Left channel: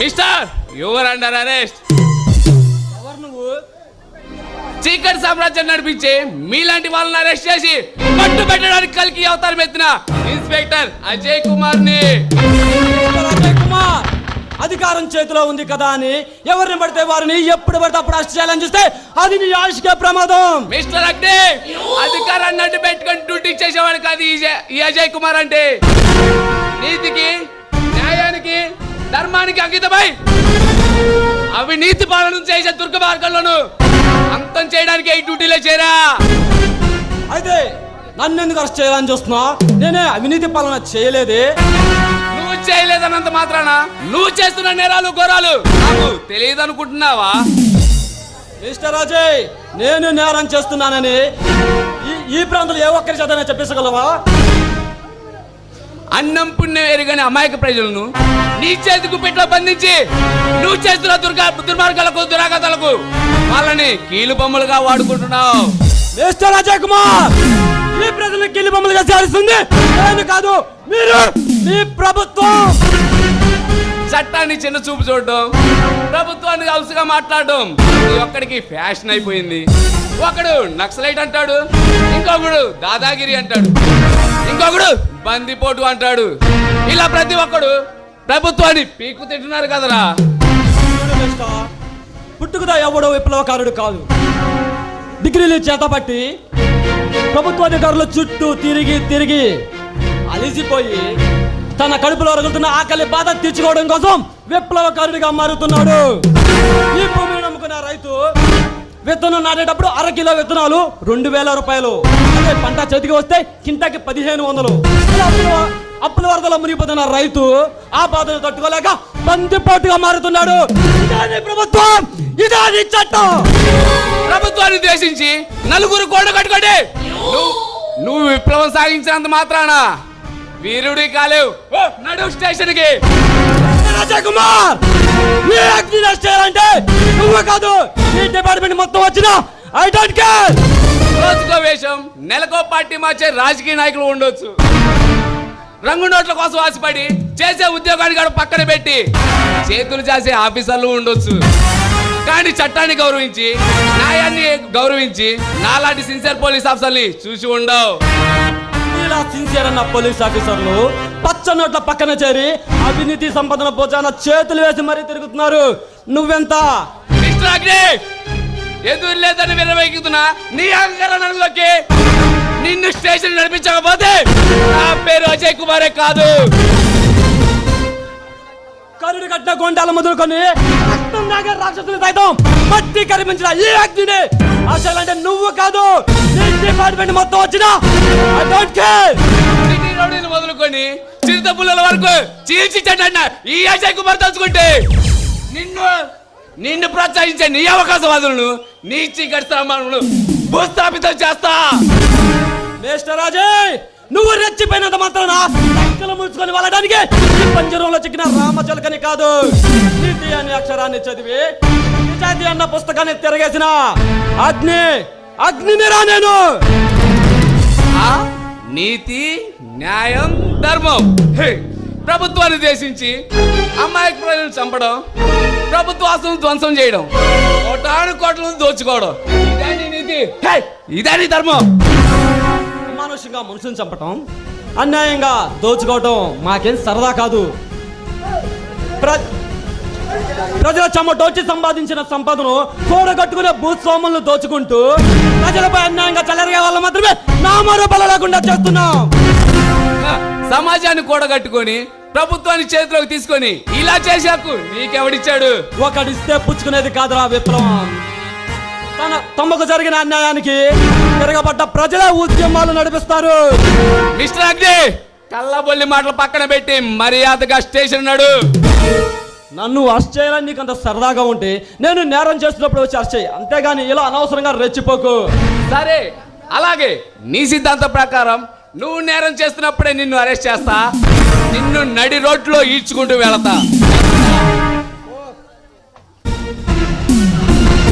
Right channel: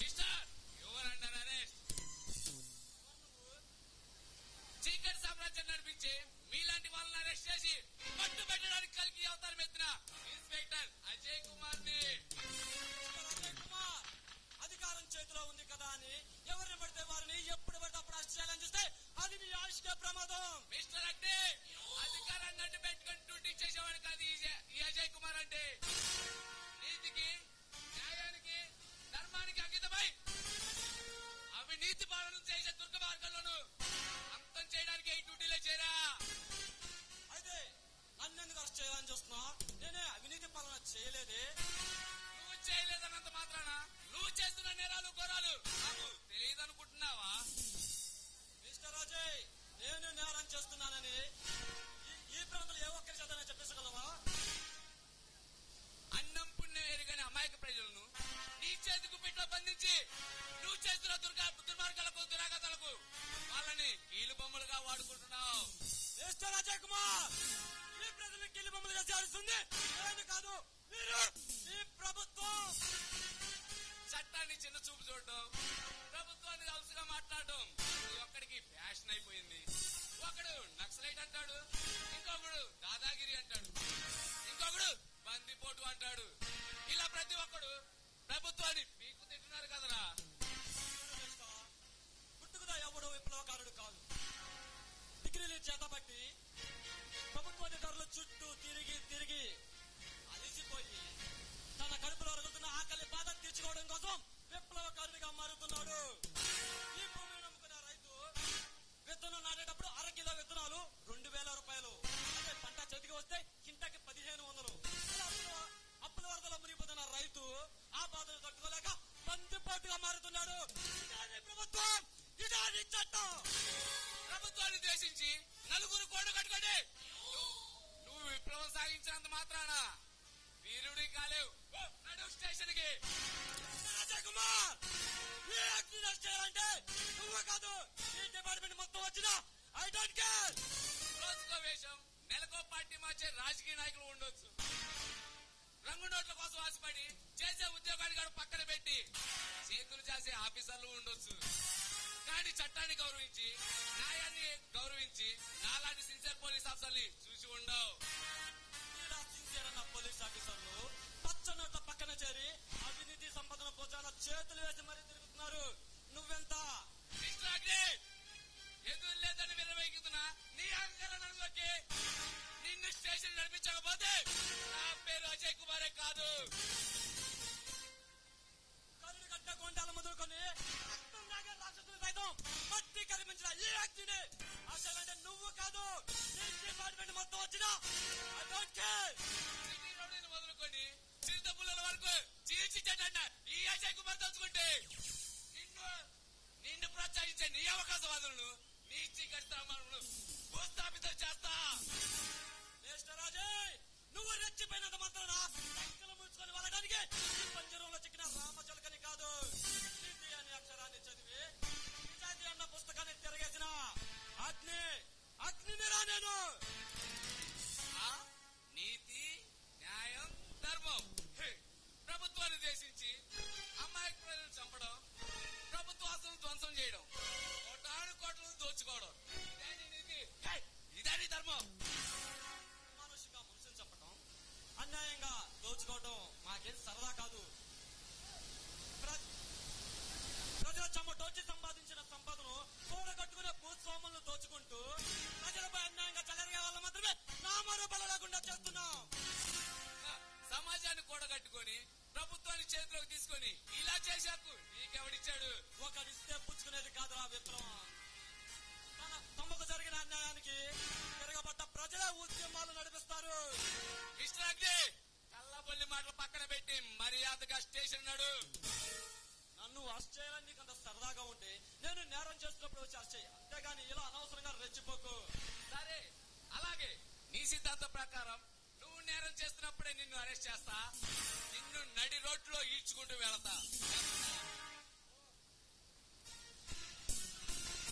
Mister your under arrest. ఎవరు నువ్వు? చీకటి సామ్రాజ్యం నడిపించి మీలాంటి వాళ్ళని అరెస్ట్ చేసి పట్టు పెట్టడానికి కలికి అవతారం ఎత్తిన ఇన్స్పెక్టర్ అజయ్ కుమార్ ని. అజయ్ కుమార్ అధికారం చేతిలో ఉంది కదా అని ఎవరిని పడితే వారిని ఎప్పుడు పడితే అప్పుడు అరెస్ట్ చేయాలని చూస్తే అది నీ ఆయుష్కే ప్రమాదం. మిస్టర్ అగ్నే, అధికారాన్ని అడ్డు పెట్టుకొని డ్యూటీ చేసేవాడు కాదు ఈ అజయ్ కుమార్ అంటే. నీతికి, న్యాయానికి, ధర్మానికి అంకితమై అవినీతి పాలన చేసే దుర్గమార్గంలోను అంతం చేయడానికి ఈ డ్యూటీలో చేరా. అయితే నన్ను ఎందుకు అరెస్ట్ చేయాలని చూస్తున్నా? నేనే అవినీతి పాలన చేయలేదే. నువ్వు చేయలేదన్నంత మాత్రాన నువ్వు చేస్తున్న నేరాలు ఘోరాలు నాకు తెలియదు అనుకుంటున్నావా? మిస్టర్ అజయ్, నేను నేరం చేస్తున్నానని ఈ ప్రాంతంలో ఏ ఒక్కరి చేతనే చెప్పేసగలవా? అన్నం పుణ్యం ఎరుగని అమాయక ప్రజలను నీ చేతికి పెట్లో బంధించి నువ్వు చేస్తున్న దుర్మార్గాలకు దురాగతాలకు వాళ్ళని కీలు బొమ్మలుగా వాడుకుంటున్నావు. మిస్టర్ అజయ్ కుమార్, ఈ ప్రజలను కీలు బొమ్మలుగా చేస్తుంది నేను కాదు, మీరు, మీ ప్రభుత్వం. చట్టాన్ని చిన్న చూపు చూడడం, ప్రభుత్వాన్ని అలసుగా మాట్లాడడం ఇది ఒక్కడికి ఫ్యాషన్ అయిపోయింది. ఒకడు నక్సలైట్ అంటాడు, ఇంకొకడు దాదాగిరి అంటాడు, ఇంకొకడు బందిపోటు అంటాడు. ఇలా ప్రతి ఒక్కడు ప్రభుత్వాన్ని పీకు తింటున్నారు కదరా. పుట్టుకదా ఎవడో విప్లవకారుడు కాదు. డిగ్రీలు చేతపట్టి ప్రభుత్వాధికారుల చుట్టూ తిరిగి తిరిగి అలిసిపోయి తన కడుపులో రగులుతున్న ఆకలి బాధ తీర్చుకోవడం కోసం విప్లవకారుడిగా మారుతున్నాడు. ఈ భూమిని నమ్ముకున్న రైతు విత్తనం నాటేటప్పుడు 1 కిలో విత్తనాలు 2,000 రూపాయలు. అదే పంట చేతికి వస్తే కింటాకి 1,500. అప్పుల వరదలో మునిగిపోతున్న రైతు ఆ బాధను తట్టుకోలేక బందిపోటుగా మారుతున్నాడు. ఇదే ప్రభుత్వం, ఇదే చట్టం. ప్రభుత్వాన్ని ఉద్దేశించి నలుగురు కోడ కట్టుకోండి. నువ్వు విప్లవం సాగించినంత మాత్రాన వీరుడి కాలేవు. నడు స్టేషన్ కి. అజయ్ కుమార్, అంటే నువ్వు కాదు, ఈ డిపార్ట్మెంట్ మొత్తం వచ్చినా ఐ డోంట్ కేర్. రోజుకో వేషం, నెలకో పార్టీ మార్చే రాజకీయ నాయకులు ఉండొచ్చు. రంగు నోట్ల కోసం ఆశపడి చేసే ఉద్యోగాన్ని కూడా పక్కన పెట్టి చేతులు చేసే ఆఫీసర్లు ఉండొచ్చు. కానీ చట్టాన్ని గౌరవించి, న్యాయాన్ని గౌరవించి నాలాంటి సిన్సియర్ పోలీస్ ఆఫీసర్ని చూసి ఉండవు. ఇలా సిన్సియర్ అన్న పోలీస్ ఆఫీసర్లు పచ్చ నోట్ల పక్కన చేరి అవినీతి సంపదన భోజన చేతులు వేసి మరీ తిరుగుతున్నారు. నువ్వెంత? మిస్టర్ అగ్నే, ఎదురు లేదని విరవేగుతున్నా నీ అహంకారంలోకి నిన్ను స్టేషన్ నడిపించకపోతే నా పేరు అజయ్ కుమారే కాదు. కరుడు కట్టిన గొండాల మొదలుకొని రక్తం దాగే రాక్షసులు సైతం మట్టి కరిపించిన ఈ అగ్నిని అసలంటే నువ్వు కాదు, నీ డిపార్ట్మెంట్ మొత్తం వచ్చినా ఐ డోంట్ కేర్. సిటీ రౌడీలు మొదలుకొని చిరుత పుల్లల వరకు చీల్చిచ్చండి ఈ అజయ్ కుమార్ తలుచుకుంటే నిన్ను ప్రోత్సహించే నీ అవకాశవాదులను నీ చీకటి స్థానాలను భూస్థాపితం చేస్తా. మిస్టర్ అజయ్, నువ్వు రెచ్చిపోయినంత మాత్రాన లెక్కలు ముడుచుకొని వెళ్ళడానికి ఈ పంజరంలో చిక్కిన రామచిలకని కాదు, నీతి అనే అక్షరాన్ని చదివి నిజాయితీ అన్న పుస్తకాన్ని తిరగేసిన అగ్నినిరా నేను. నీతి, న్యాయం, ధర్మం ప్రభుత్వాన్ని ఉద్దేశించి అమాయక ప్రజలను చంపడం, ప్రభుత్వ ఆస్తులను ధ్వంసం చేయడం, కోటాను కోట్లను దోచుకోవడం ఇదే నీతి, ఇదే నీ ధర్మం. అమానుషంగా మనుషులను చంపటం, అన్యాయంగా దోచుకోవటం మాకేం సరదా కాదు. ప్రజల చెమటోచి సంపాదించిన సంపదను కూడగట్టుకునే భూస్వాములను దోచుకుంటూ ప్రజలపై అన్యాయంగా చెలరిగే వాళ్ళు మాత్రమే నామరూపాలు లేకుండా చేస్తున్నాం. సమాజాన్ని కూడగట్టుకొని ప్రభుత్వాన్ని చేతిలోకి తీసుకొని ఇలా చేశాకు నీకెవడిచ్చాడు? ఒకడిస్తే పుచ్చుకునేది కాదురా విప్లవం. తమకు జరిగిన అన్యాయానికి తిరగబడ్డ ప్రజల ఉద్యమాలు నడిపిస్తారు. మిస్టర్ అగ్ని, కళ్ళబొల్లి మాటలు పక్కన పెట్టి మర్యాదగా స్టేషన్ నడు. నన్ను అరెస్ట్ చేయాలని నీకు అంత సరదాగా ఉంటే నేను నేరం చేస్తున్నప్పుడు వచ్చి అరెస్ట్ చేయి, అంతేగాని ఇలా అనవసరంగా రెచ్చిపోకు. సరే, అలాగే నీ సిద్ధాంతం ప్రకారం నువ్వు నేరం చేస్తున్నప్పుడే నిన్ను అరెస్ట్ చేస్తా, నిన్ను నడి రోడ్లో ఈడ్చుకుంటూ వెళతా.